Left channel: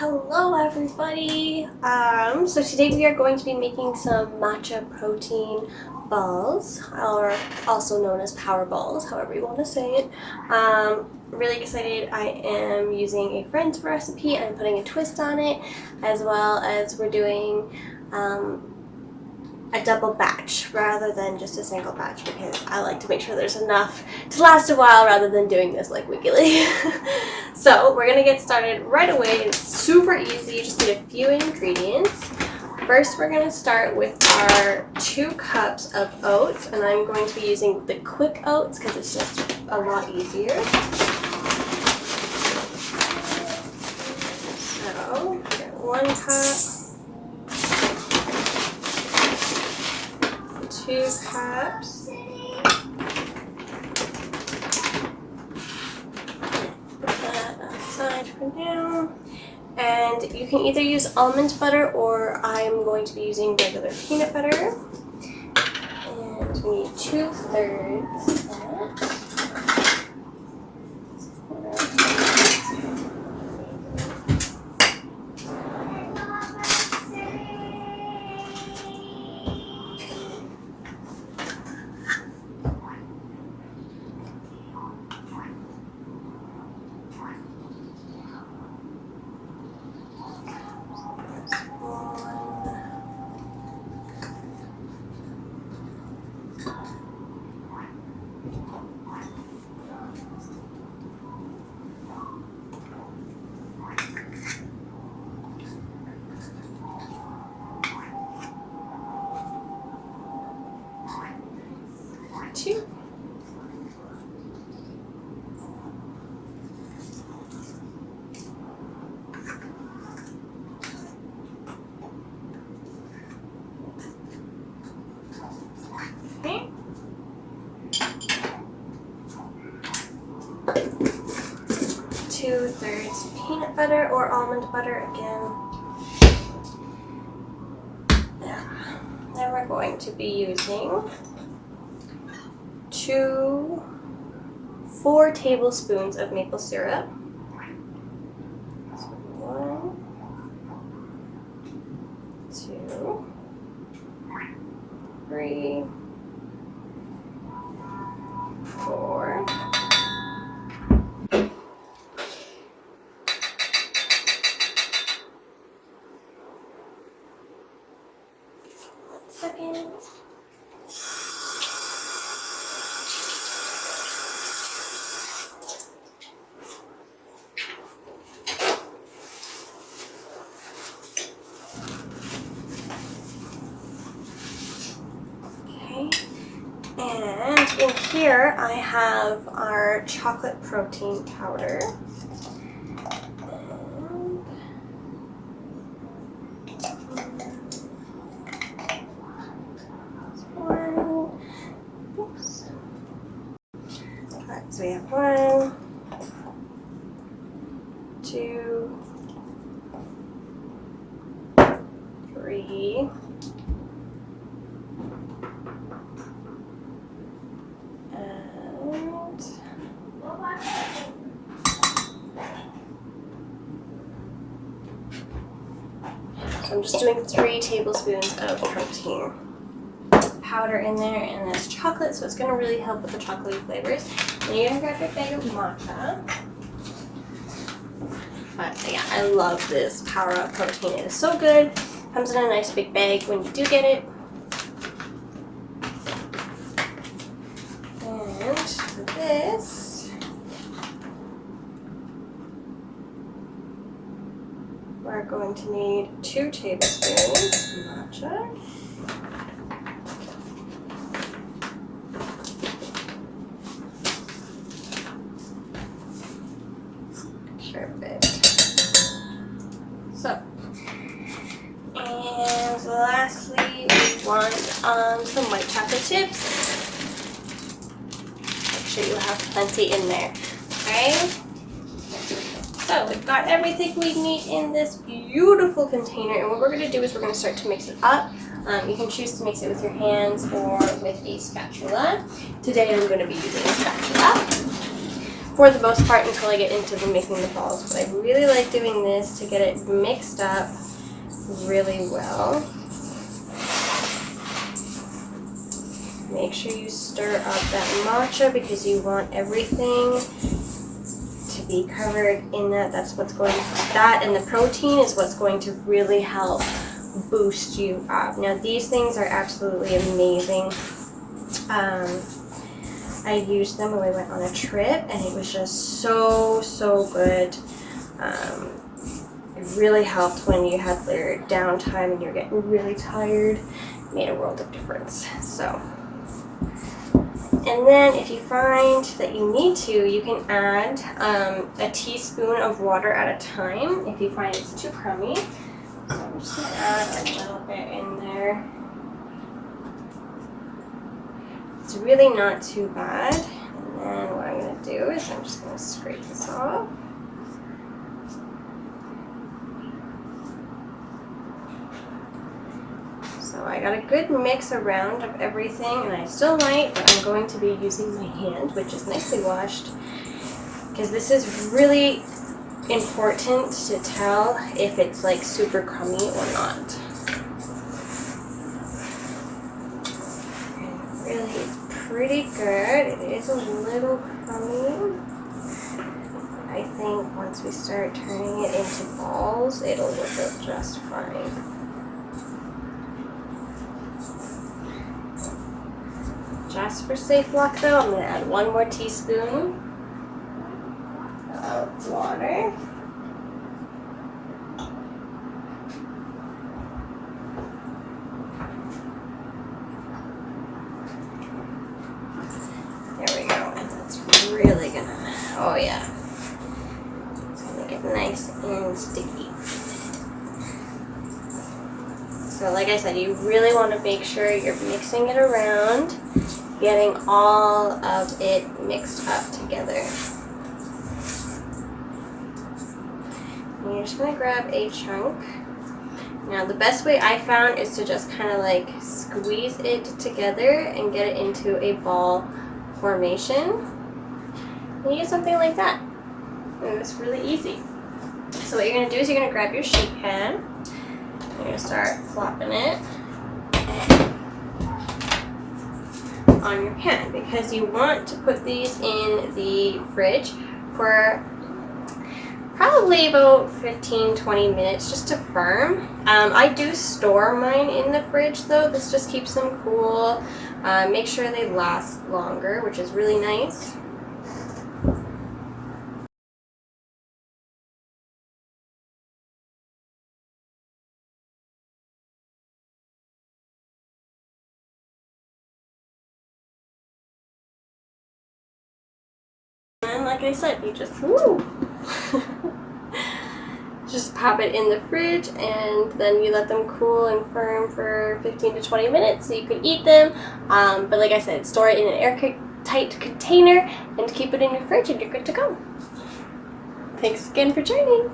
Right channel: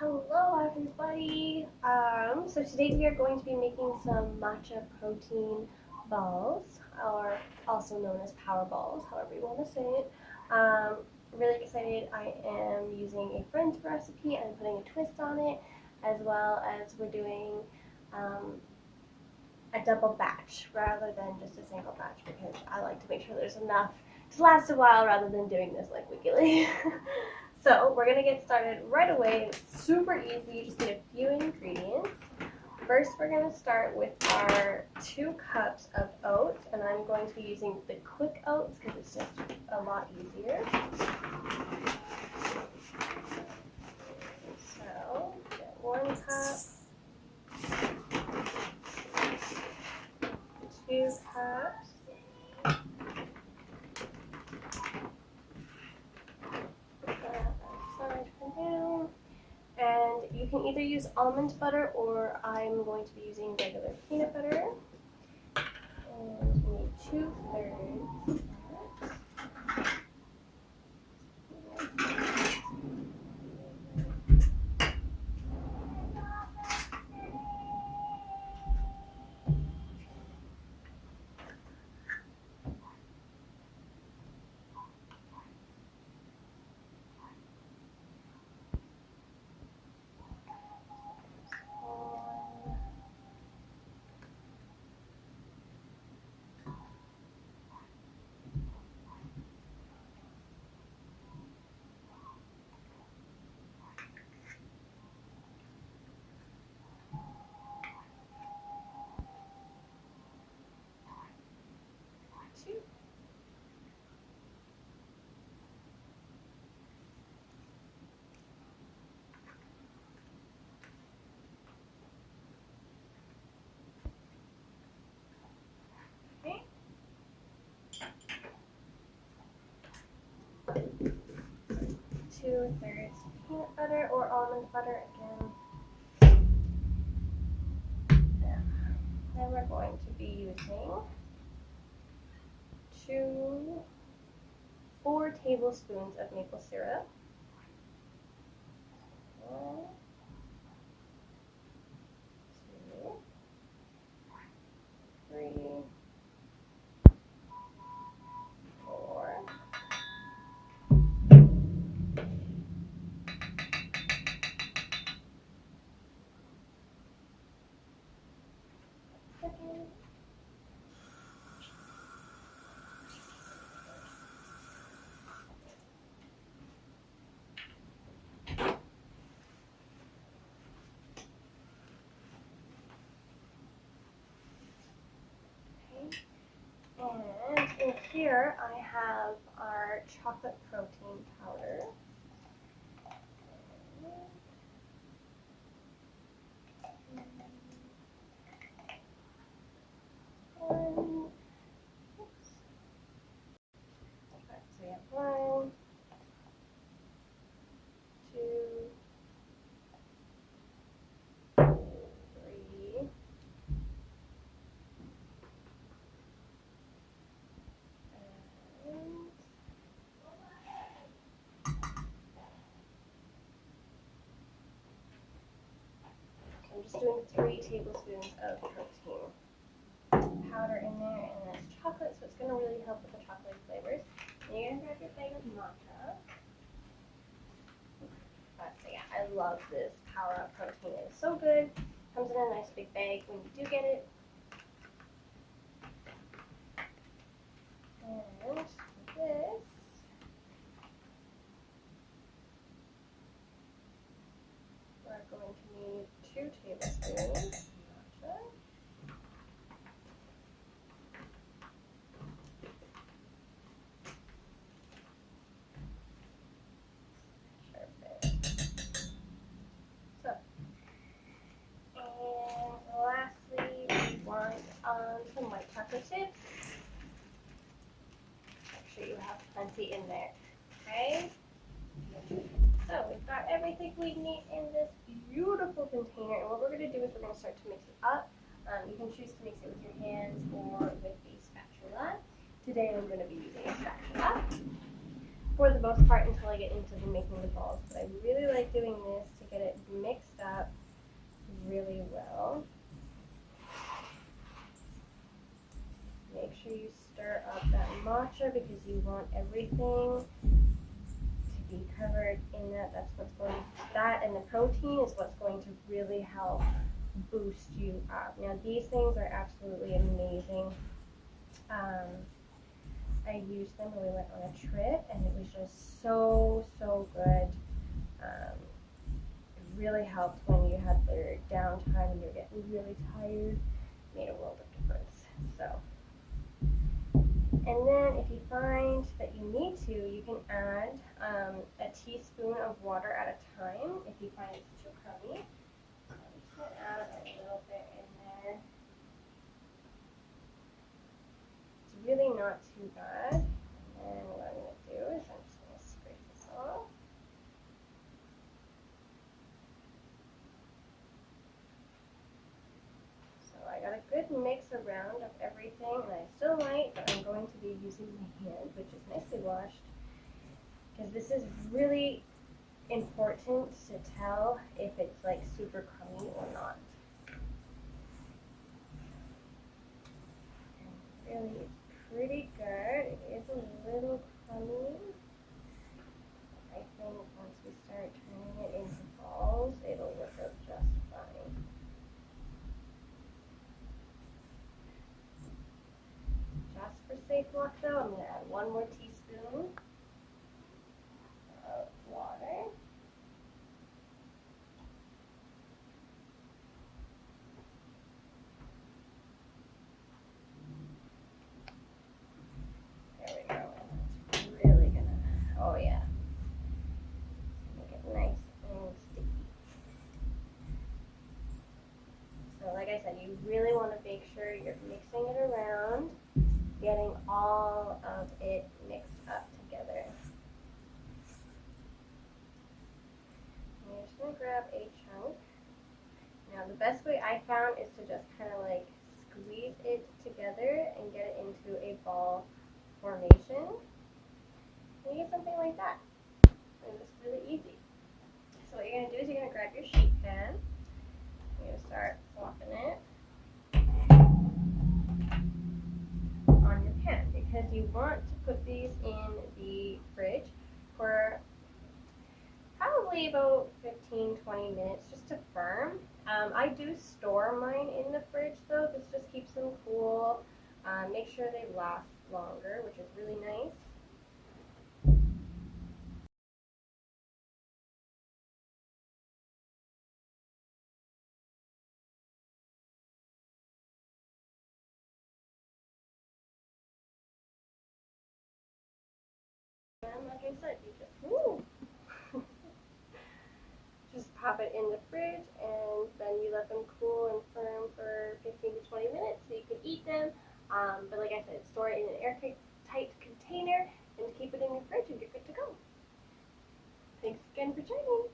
Hello everybody! So today we are going to be making some matcha protein balls, or also known as power balls, however you want to say it. Really excited. I am using a friend's recipe and I'm putting a twist on it, as well as we're doing a double batch rather than just a single batch, because I like to make sure there's enough to last a while rather than doing this like weekly. So we're gonna get started right away. It's super easy. You just need a few ingredients. First, we're gonna start with our 2 cups of oats, and I'm going to be using the quick oats because it's just a lot easier. So get 1 cup. 2 cups. Put that aside for now. And you can either use almond butter or I'm going to be using regular peanut butter. And we need 2/3 of that. Two. Okay. 2/3 peanut butter or almond butter again. Then we're going to be using 4 tablespoons of maple syrup. So 1, 2, 3, 4. Second. And in here I have our chocolate protein powder. Alright, so we have 1, 2, 3. So I'm just doing 3 tablespoons of protein powder in there, and there's chocolate, so it's going to really help with the chocolatey flavors. And you're going to grab your bag of matcha. But yeah, I love this Power Up protein. It is so good. Comes in a nice big bag when you do get it. And for this, we're going to need 2 tablespoons of matcha. Perfect. So, and lastly, we want some white chocolate chips. Make sure you have plenty in there. Okay? So we've got everything we need in this beautiful container, and what we're going to do is we're going to start to mix it up. You can choose to mix it with your hands or with a spatula. Today I'm going to be using a spatula. for the most part until I get into the making the balls. But I really like doing this to get it mixed up really well. Make sure you stir up that matcha because you want everything to be covered in that. That's what's going to, that and the protein is what's going to really help boost you up. Now these things are absolutely amazing. I used them when we went on a trip and it was just so good. It really helped when you had your downtime and you're getting really tired. It made a world of difference. So, and then if you find that you need to, you can add a teaspoon of water at a time if you find it's too crummy. So I'm just going to add a little bit in there. It's really not too bad. And then what I'm going to do is I'm just going to scrape this off. So I got a good mix around of everything, and I still might, but I'm going to be using my hand, which is nicely washed, because this is really important to tell if it's like super crummy or not. And really, it's pretty good. It is a little crummy. I think once we start turning it into balls, it'll work out just fine. Just for safe luck though, I'm going to add 1 more teaspoon of water. There we go. That's really going to, oh yeah. It's going to get nice and sticky. So like I said, you really want to make sure you're mixing it around, getting all of it mixed up together. And you're just going to grab a chunk. Now the best way I found is to just kind of like squeeze it together and get it into a ball formation. And you get something like that. And it's really easy. So what you're going to do is you're going to grab your sheet pan. You're going to start plopping it on your pan because you want to put these in the fridge for probably about 15-20 minutes just to firm. I do store mine in the fridge though. This just keeps them cool. Make sure they last longer, which is really nice. And like I said, you just just pop it in the fridge and then you let them cool and firm for 15 to 20 minutes so you can eat them. But like I said, store it in an airtight container and keep it in your fridge and you're good to go. Thanks again for joining.